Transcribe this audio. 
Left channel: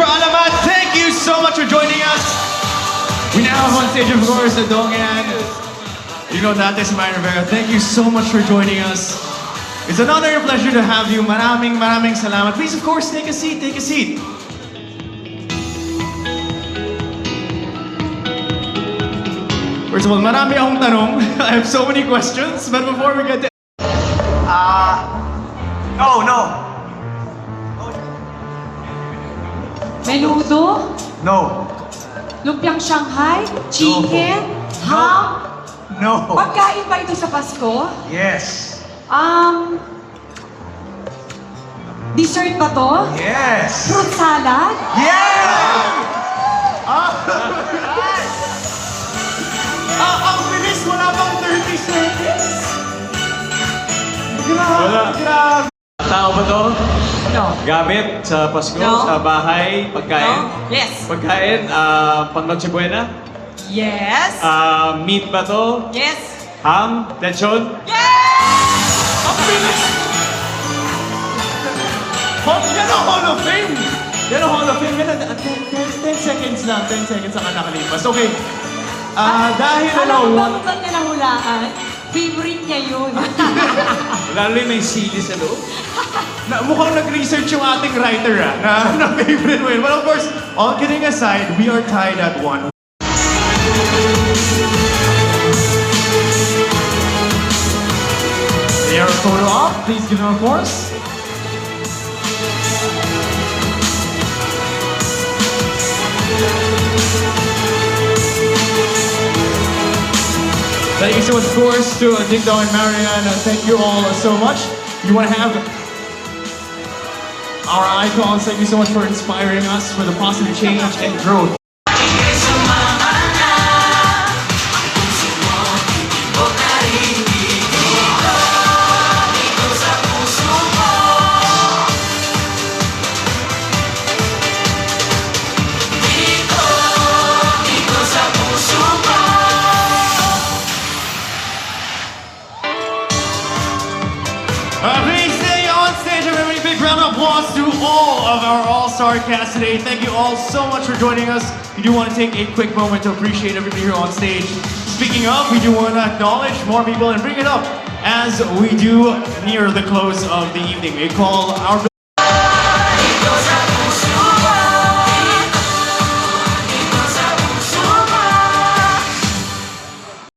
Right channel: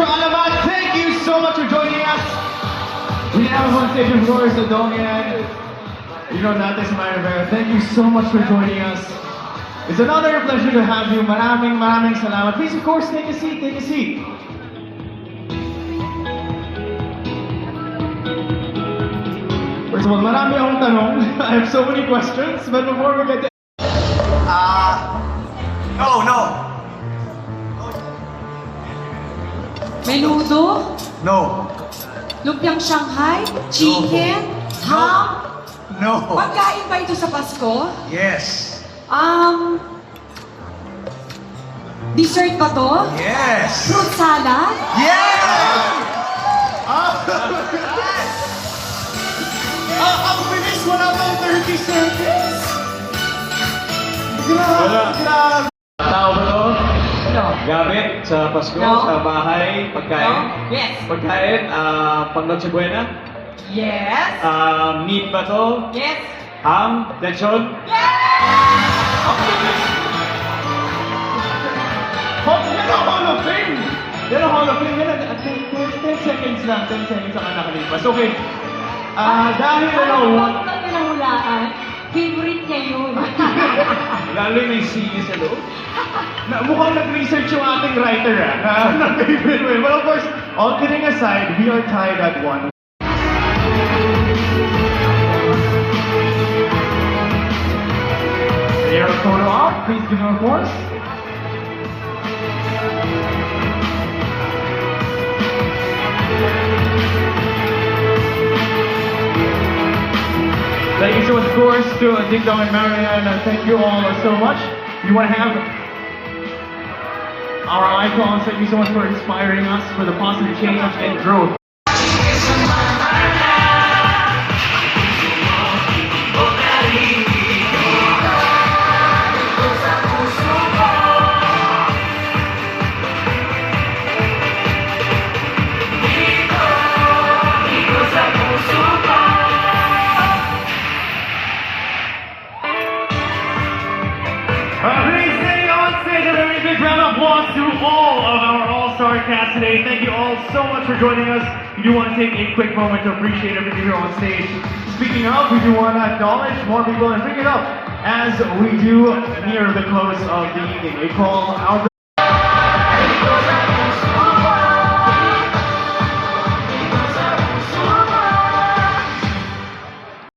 for Alamat. Thank you so much for joining us. We now have on stage, of course, the Dongan. You know that is Myra Rivera. Thank you so much for joining us. It's an honor and pleasure to have you. Maraming salamat. Please, of course, take a seat. Take a seat. First of all, marami akong tanong. I have so many questions, but before we get to... No. Menudo, No. lumpiang Shanghai, chicken, ham. No. Pagkain ba ito sa Pasko? Yes. Dessert ba to? Yes. Fruit salad? Yeah! Ang bilis! Wala bang 30 seconds? Wala. Grabe! Tao ba to? No. Gamit sa Pasko, No. sa bahay, pagkain? No? Yes. Pagkain, pang Noche Buena? Yes. Meat ba to? Yes. Ham? Lechon? Ang bilis! Yan ang Hall of Fame! Yan ang Hall of Fame. Yan ang 10 seconds na. 10 seconds ang nakalipas. Okay. Dahil Alam wala mo, kung nahulaan, favorite niya yun. Lalo yung may CD sa loob. mukhang nag-research yung ating writer na favorite mo yun. But of course, all kidding aside, we are tied at 1. They are photo op. Please give them a course. Thank you so much, of course, to Ding Dong and Marian. Thank you all so much. You want to have our icons. Thank you so much for inspiring us for the positive change and growth. Please stay on stage and a big round of applause to all of our all-star cast today. Thank you all so much for joining us. We do want to take a quick moment to appreciate everybody here on stage. Speaking of, we do want to acknowledge more people and bring it up as we do near the close of the evening. A call our